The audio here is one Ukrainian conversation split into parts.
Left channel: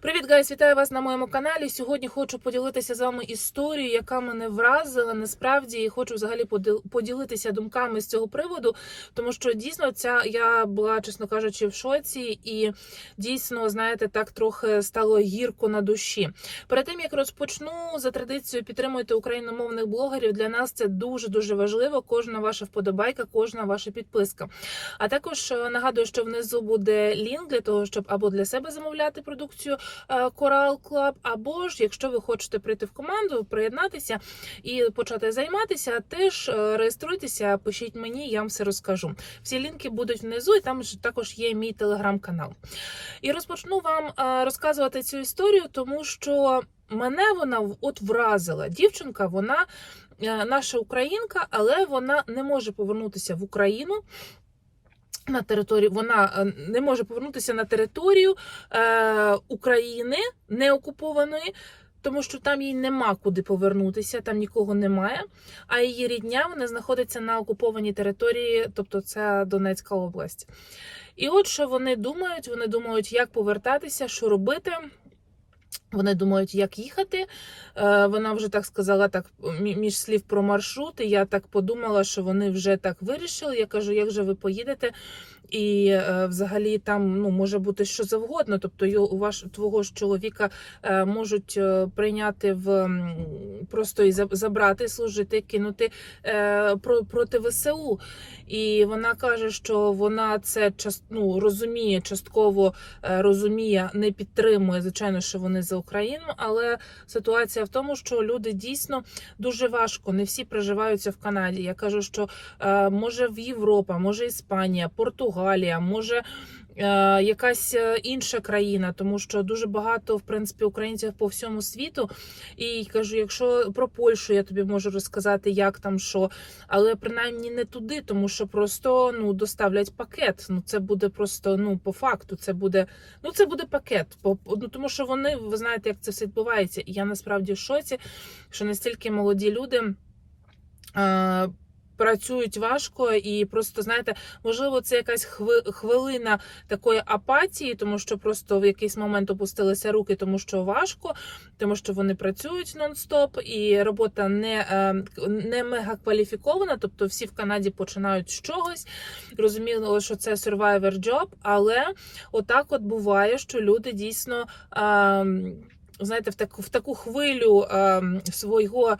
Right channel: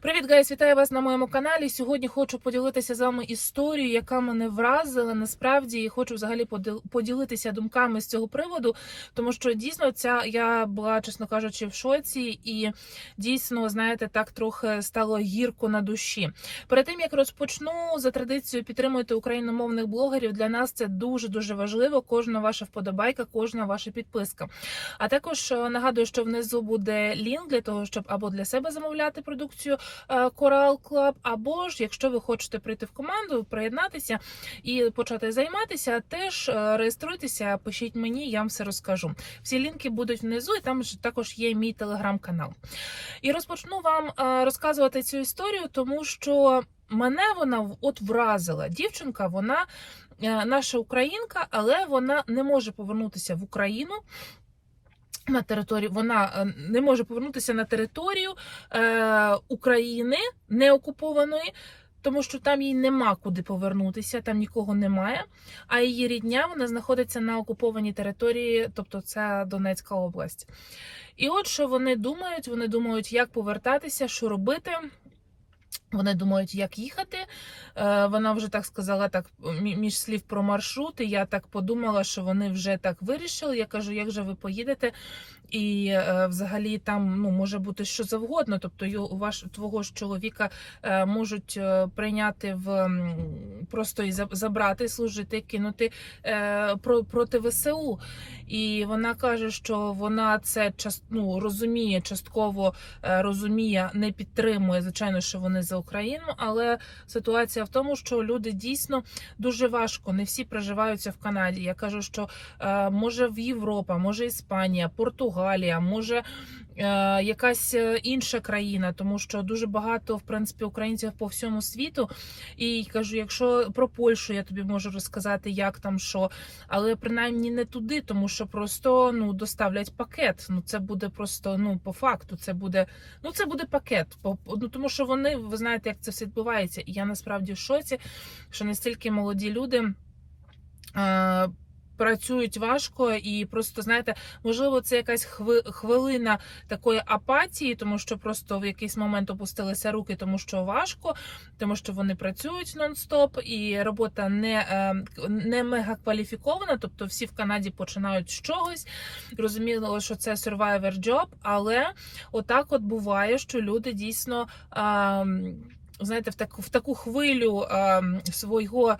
Привіт, гайс! Вітаю вас на моєму каналі. Сьогодні хочу поділитися з вами історією, яка мене вразила насправді, і хочу взагалі поділ- поділитися думками з цього приводу, тому що дійсно ця я була, чесно кажучи, в шоці, і дійсно, знаєте, так трохи стало гірко на душі. Перед тим як розпочну за традицією підтримуйте україномовних блогерів. Для нас це дуже дуже важливо. Кожна ваша вподобайка, кожна ваша підписка. А також е, нагадую, що внизу буде лінк для того, щоб або для себе замовляти продукцію е, Coral Club, або ж, якщо ви хочете прийти в команду, приєднатися і почати займатися, теж е, реєструйтеся, пишіть мені, я вам все розкажу. Всі лінки будуть внизу, і там також є мій телеграм-канал. І розпочну вам е, розказувати цю історію, тому що мене вона от вразила. Дівчинка, вона е, наша українка, але вона не може повернутися в Україну. На територію вона е, не може повернутися на територію е, України не окупованої, тому що там їй нема куди повернутися, там нікого немає. А її рідня вона знаходиться на окупованій території, тобто це Донецька область. І от що вони думають? Вони думають, як повертатися, що робити. Вони думають, як їхати. Е, Вона вже так сказала, так мі- між слів про маршрут. І я так подумала, що вони вже так вирішили. Я кажу, як же ви поїдете? І е, взагалі там ну може бути що завгодно. Тобто його у ваш твого ж чоловіка е, можуть е, прийняти в просто і забрати, служити, кинути е, про проти ВСУ. І вона каже, що вона це час, ну, розуміє, частково е, розуміє, не підтримує. Звичайно, що вони за Україну, але ситуація в тому, що люди дійсно дуже важко. Не всі проживаються в Канаді. Я кажу, що е, може в Європа, може Іспанія, Португалія, може. е, Якась е, інша країна, тому що дуже багато в принципі українців по всьому світу. І кажу, якщо про Польщу я тобі можу розказати, як там що, але принаймні не туди, тому що просто ну доставлять пакет. Ну це буде просто ну по факту. Це буде ну це буде пакет. По- Ну тому що вони ви знаєте, як це все відбувається. І я насправді в шоці, що настільки молоді люди. Працюють важко і просто знаєте, можливо, це якась хви- хвилина такої апатії, тому що просто в якийсь момент опустилися руки, тому що важко, тому що вони працюють нон-стоп, і робота не, е, не мега кваліфікована. Тобто всі в Канаді починають з чогось. Розуміло, що це survivor job, але отак от буває, що люди дійсно ем, знаєте, в таку в таку хвилю ем, свого.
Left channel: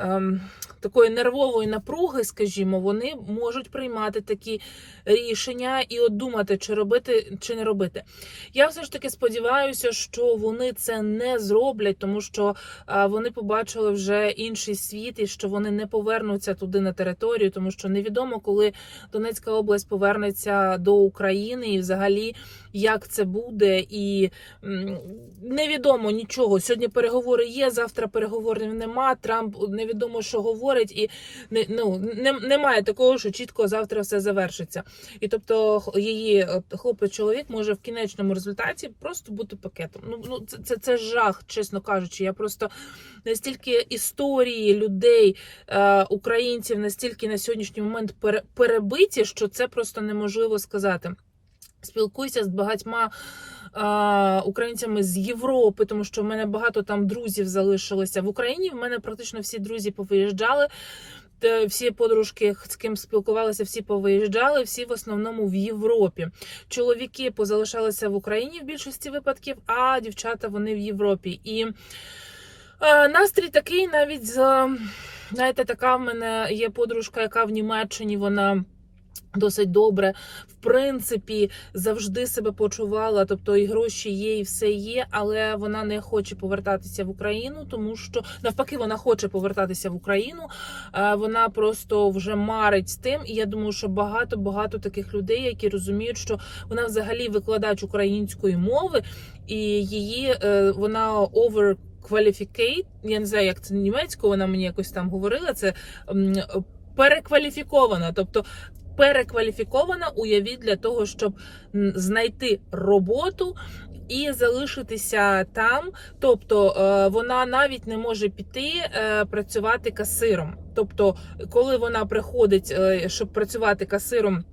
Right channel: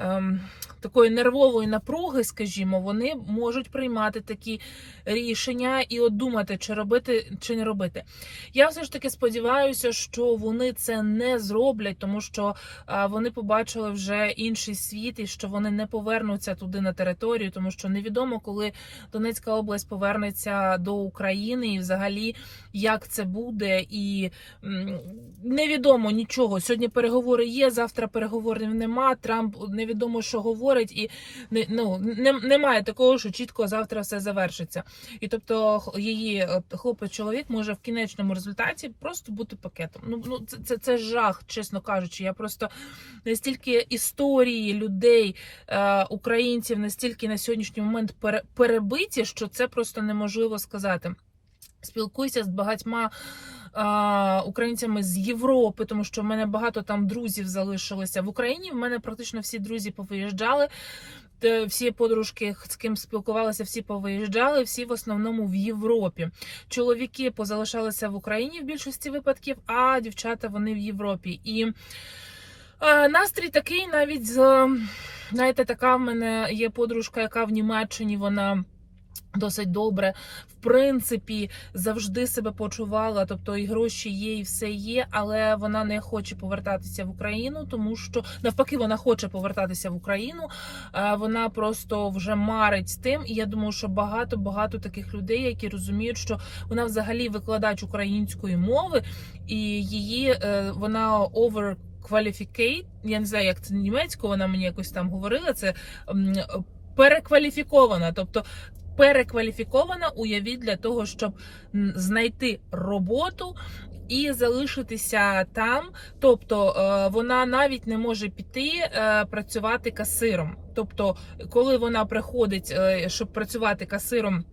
Ем, Такої нервової напруги, скажімо, вони можуть приймати такі рішення і от думати, чи робити, чи не робити. Я все ж таки сподіваюся, що вони це не зроблять, тому що а, вони побачили вже інший світ, і що вони не повернуться туди на територію, тому що невідомо, коли Донецька область повернеться до України, і взагалі як це буде, і невідомо нічого. Сьогодні переговори є, завтра переговорів нема. Трамп невідомо, що говорить, і ну, немає такого, що чітко завтра все завершиться. І тобто її хлопець-чоловік може в кінечному результаті просто бути пакетом. Ну, ну це, це, це жах, чесно кажучи. Я просто настільки історії людей, е, українців, настільки на сьогоднішній момент пере, перебиті, що це просто неможливо сказати. Спілкуюся з багатьма е, українцями з Європи, тому що в мене багато там друзів залишилося в Україні. В мене практично всі друзі повиїжджали. Всі подружки, з ким спілкувалися, всі повиїжджали, всі в основному в Європі. Чоловіки позалишалися в Україні в більшості випадків, а дівчата вони в Європі. І е, настрій такий навіть знаєте, така в мене є подружка, яка в Німеччині вона. Досить добре, в принципі, завжди себе почувала. Тобто і гроші є, і все є, але вона не хоче повертатися в Україну, тому що навпаки вона хоче повертатися в Україну. Вона просто вже марить тим. І я думаю, що багато багато таких людей, які розуміють, що вона взагалі викладач української мови, і її е, вона over qualificate, я не знаю, як це німецькою, вона мені якось там говорила. Це перекваліфікована, тобто перекваліфікована, уявіть для того, щоб знайти роботу. І залишитися там, тобто е, вона навіть не може піти е, працювати касиром. Тобто, коли вона приходить, е, щоб працювати касиром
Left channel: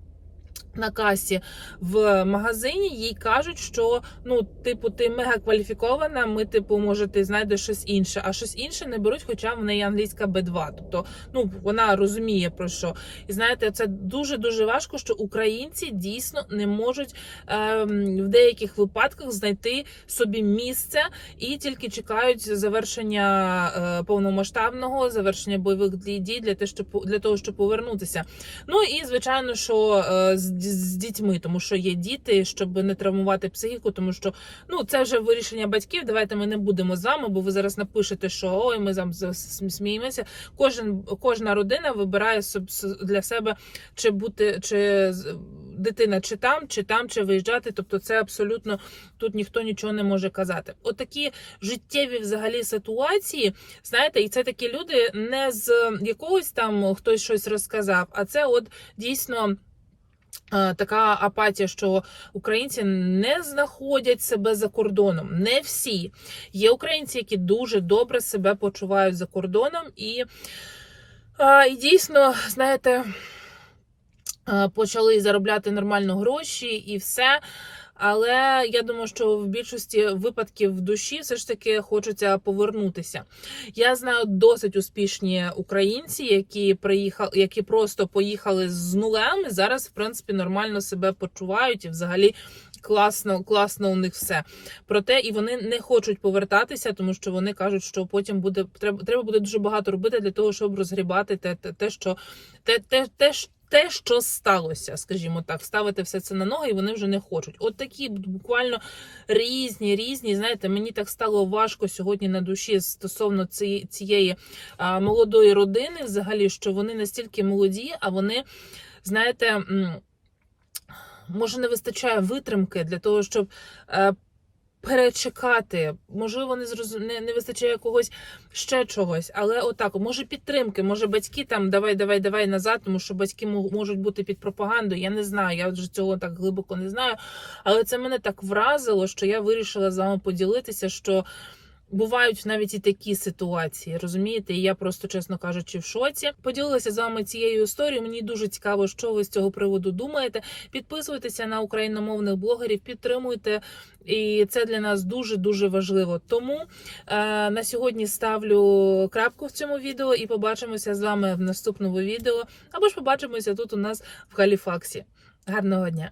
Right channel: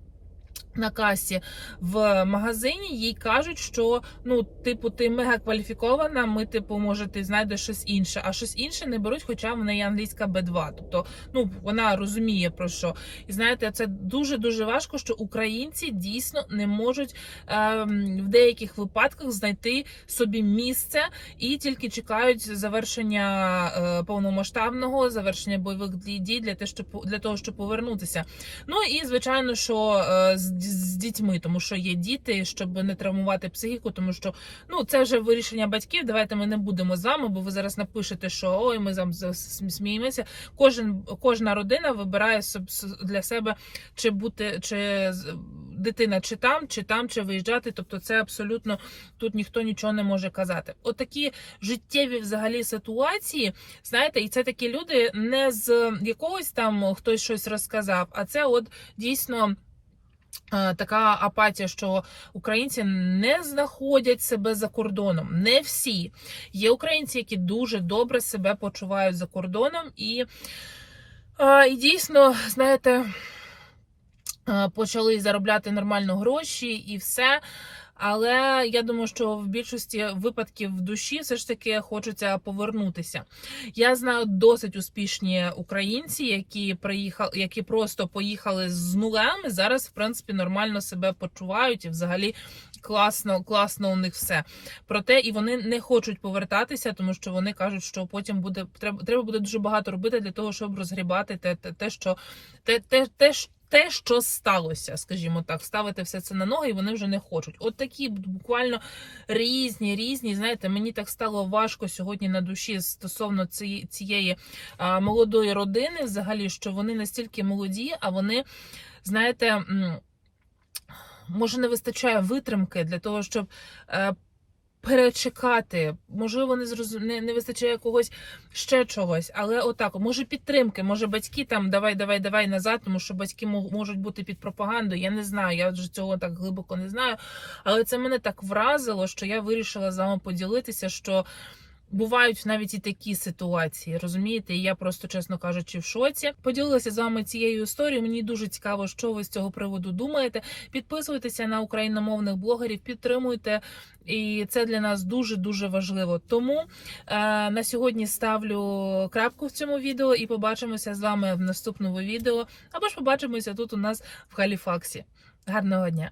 на касі в магазині їй кажуть, що ну, типу, ти мега кваліфікована, ми, типу, може, ти знайдеш щось інше, а щось інше не беруть, хоча в неї англійська Б2. Тобто, ну вона розуміє про що. І знаєте, це дуже дуже важко, що українці дійсно не можуть ем, в деяких випадках знайти собі місце і тільки чекають завершення е, повномасштабного, завершення бойових дій для те, щоб для того, щоб повернутися. Ну і звичайно, що е, з, дітьми, тому що є діти, щоб не травмувати психіку, тому що ну це вже вирішення батьків. Давайте ми не будемо з вами, бо ви зараз напишете, що ой, ми там сміємося. Кожен кожна родина вибирає для себе чи бути чи дитина чи там, чи там, чи виїжджати. Тобто, це абсолютно тут ніхто нічого не може казати. Отакі життєві взагалі ситуації, знаєте, і це такі люди не з якогось там хтось щось розказав, а це от дійсно. Е, Така апатія, що українці не знаходять себе за кордоном. Не всі є українці, які дуже добре себе почувають за кордоном, і, е, і дійсно, знаєте, е, почали заробляти нормально гроші і все. Але я думаю, що в більшості випадків в душі все ж таки хочеться повернутися. Я знаю досить успішні українці, які приїхали, які просто поїхали з нулем. і Зараз, в принципі, нормально себе почувають і взагалі класно, класно у них все. Проте і вони не хочуть повертатися, тому що вони кажуть, що потім буде треба, треба буде дуже багато робити для того, щоб розгрібати те, те, те що те, те, те, те, що сталося, скажімо так, ставити все це на ноги, і вони вже не хочуть. От такі буквально різні, різні. Знаєте, мені так стало важко сьогодні на душі стосовно цієї, цієї а, молодої родини, взагалі, що вони настільки молоді, а вони, знаєте. Може, не вистачає витримки для того, щоб е, перечекати. Можливо, не зрозу... не, не вистачає когось ще чогось, але отак, може підтримки, може батьки там давай, давай, давай назад, тому що батьки можуть бути під пропагандою. Я не знаю, я вже цього так глибоко не знаю. Але це мене так вразило, що я вирішила з вами поділитися, що. Бувають навіть і такі ситуації, розумієте? І я просто, чесно кажучи, в шоці. Поділилася з вами цією історією. Мені дуже цікаво, що ви з цього приводу думаєте. Підписуйтеся на україномовних блогерів, підтримуйте. І це для нас дуже дуже важливо. Тому е, на сьогодні ставлю крапку в цьому відео і побачимося з вами в наступному відео. Або ж побачимося тут у нас в Галіфаксі. Гарного дня!